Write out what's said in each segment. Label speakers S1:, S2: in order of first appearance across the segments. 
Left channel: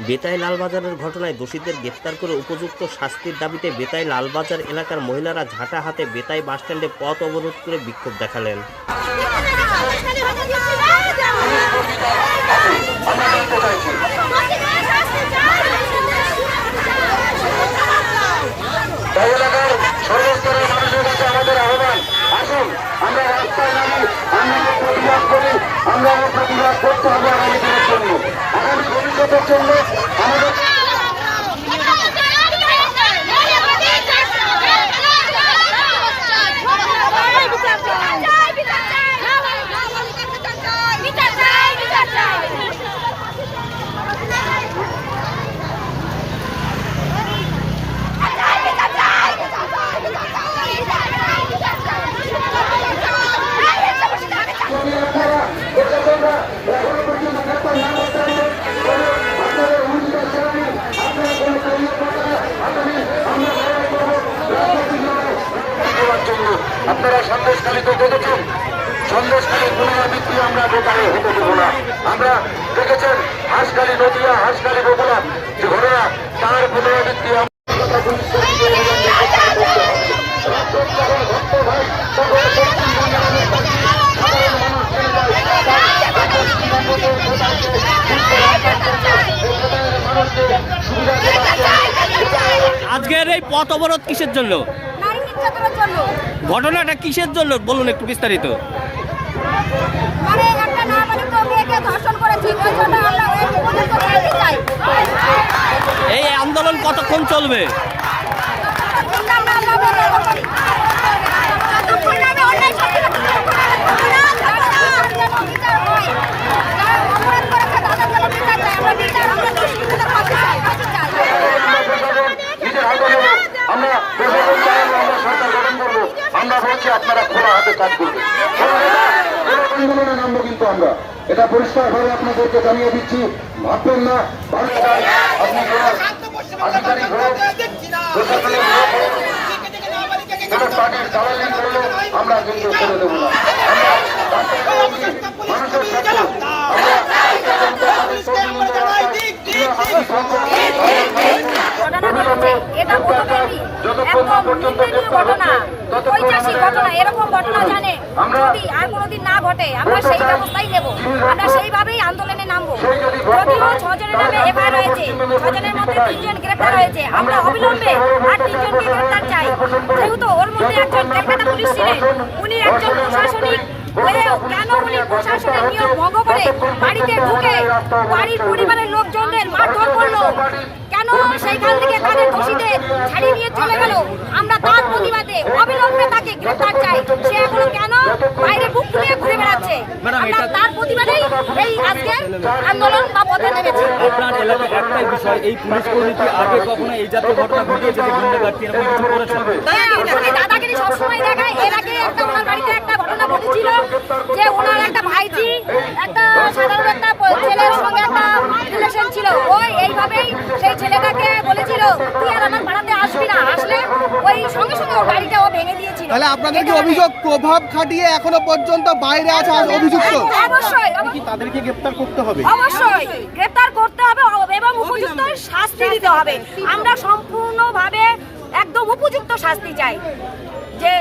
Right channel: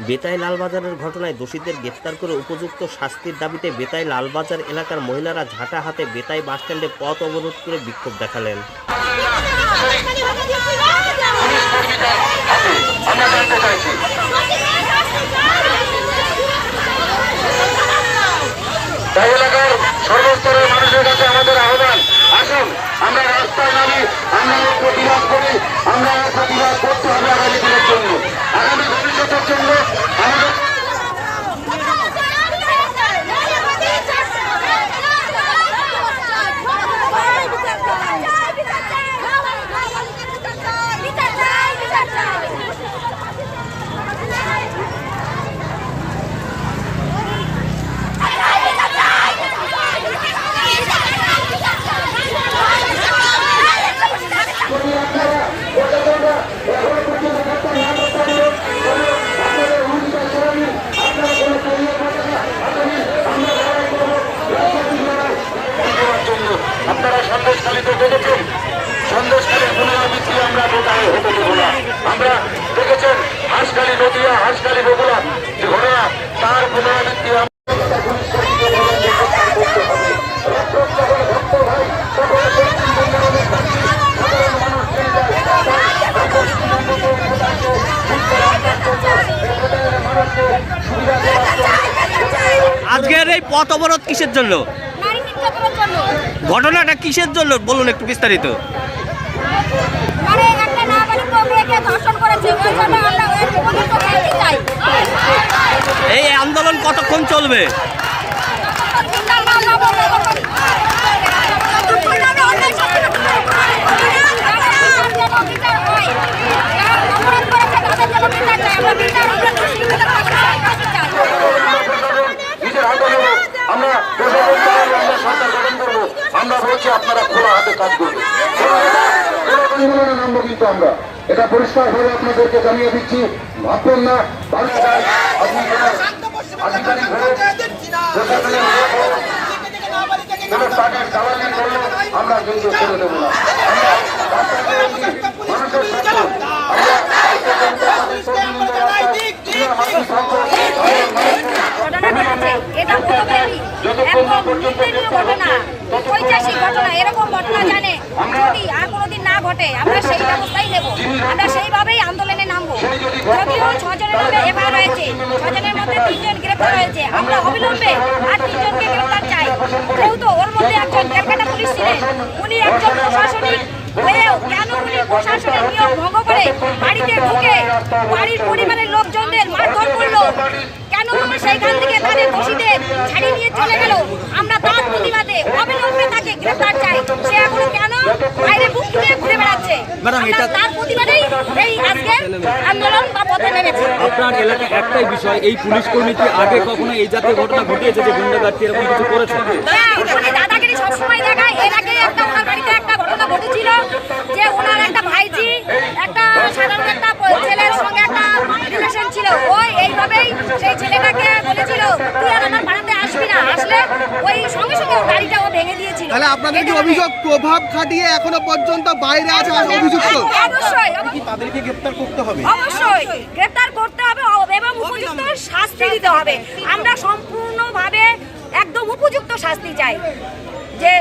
S1: বেতাই লালবাজারের ঘটনায় দোষীদের গ্রেফতার করে উপযুক্ত শাস্তির দাবিতে বেতাই লালবাজার এলাকার মহিলারা ঝাঁটা হাতে বেতাই বাসস্ট্যান্ডে পথ অবরোধ করে বিক্ষোভ দেখালেন।
S2: এলাকার সর্বস্তরের মানুষের কাছে আমাদের আহ্বান আসুন আমরা রাস্তায় নামি, আমরা প্রতিবাদ করি, আমরা প্রতিবাদ করতে হবে আগামী দিনের জন্য। আগামী ভবিষ্যতের জন্য আমাদের দেওয়ার জন্য আপনারা সন্দেশখালীতে দেখেছেন সন্দেশখালীর পুনরাবৃত্তি আমরা বোকারে হতে দেব না আমরা দেখেছেন হাঁসখালী নদিয়া হাঁসখালী বগুড়া যে ঘটনা তার পুনরাবৃত্তি আমরা রাষ্ট্র যখন ভক্ত হয় তখন পশ্চিমবঙ্গের অনেক বাসী সাধারণ মানুষ চলে যায় তাই পশ্চিমবঙ্গকে ভোটারকে সুস্থ রাখার জন্য জন্য
S1: আজকের এই পথ অবরোধ কিসের জন্য?
S3: জন্য।
S1: ঘটনাটা কিসের জন্য? বলুন একটু বিস্তারিত।
S3: মানে একটা নাবালিক মেয়েকে ধর্ষণ করেছে ওই জন্য আমরা ওই উপযুক্ত শাস্তি চাই
S1: এই আন্দোলন কতক্ষণ চলবে
S3: চিন্তা না পাবো ততক্ষণ যারা বিচার হয় যারা অপরাধ করেছে তাদের যেন বিচার চাই আমরা বিচার আমরা দোষীগুলো ফাঁসি চাই
S2: নিজের হাতে নেব আমরা প্রশাসন চলবে? আমরা সরকার গঠন হাতে আমরা এটা আপনাদেরকে জানিয়ে দিচ্ছি ভাববেন না ভালো আধিকারিক হোক প্রশাসনিক হোক কোনো পার্টির দালালি করলে আমরা কিন্তু ছেড়ে দেবো না মানুষের স্বার্থ আমরা ভারতীয় জনতা মানুষকে
S3: ঘটনা, এরকম ঘটনা জানে যদি আর কোনোদিন না ঘটে, আমরা সেই ব্যবস্থাই নেব। আমরা সেইভাবেই আন্দোলনে নামবো। যদিও ছজনের নামে এফআইআর হয়েছে ছজনের মধ্যে তিনজন গ্রেপ্তার হয়েছে। আমরা অবিলম্বে আর তিনজনকে গ্রেপ্তার চাই। যেহেতু ওর মধ্যে একজন ক্যালকাটা পুলিশ ছিলেন, উনি একজন প্রশাসনিক আমরা অবিলম্বে তাকে গ্রেফতার চাই। সে এখন কেন বাইরে বুক ফুলিয়ে ঘুরে বেড়াচ্ছে? আমরা তার প্রতিবাদেই এই আজকে আন্দোলন বা পথে নেমেছি।
S4: আপনার এলাকায় একটাই বিষয় এই পুলিশ কর্মী কি আগে কখনো এই জাতীয় ঘটনা ঘটিয়েছে যে গুন্ডাগার্দি এরকম কিছু করেছে?
S3: হ্যাঁ, উনি দাদাগিরি সবসময় দেখায়। এর আগে একটা ওনার বাড়িতে একটা ঘটনা ঘটেছিল যে ওনার একটা ভাইজি একটা সাধারণ একটা ছেলের সঙ্গে একটা রিলেশন ছিল। ও এইভাবেই সেই ছেলেটাকে বলেছিল সঙ্গে সঙ্গে ওর গাড়িটা ও ভেঙে দিয়েছিল।
S5: তাহলে আপনাদের কি অভিযোগ প্রভাব খাটিয়ে এখনও পর্যন্ত বাইরে আছে আর অভিযুক্ত?
S3: অবশ্যই অব-
S5: তাদেরকে গ্রেফতার করতে হবে?
S3: অবশ্যই গ্রেফতার করতে হবে এবং উপযুক্ত শাস্তি দিতে হবে। আমরা সম্পূর্ণভাবে একদম উপযুক্ত শাস্তি চাই। যে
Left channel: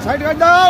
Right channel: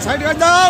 S5: সাইড দাও।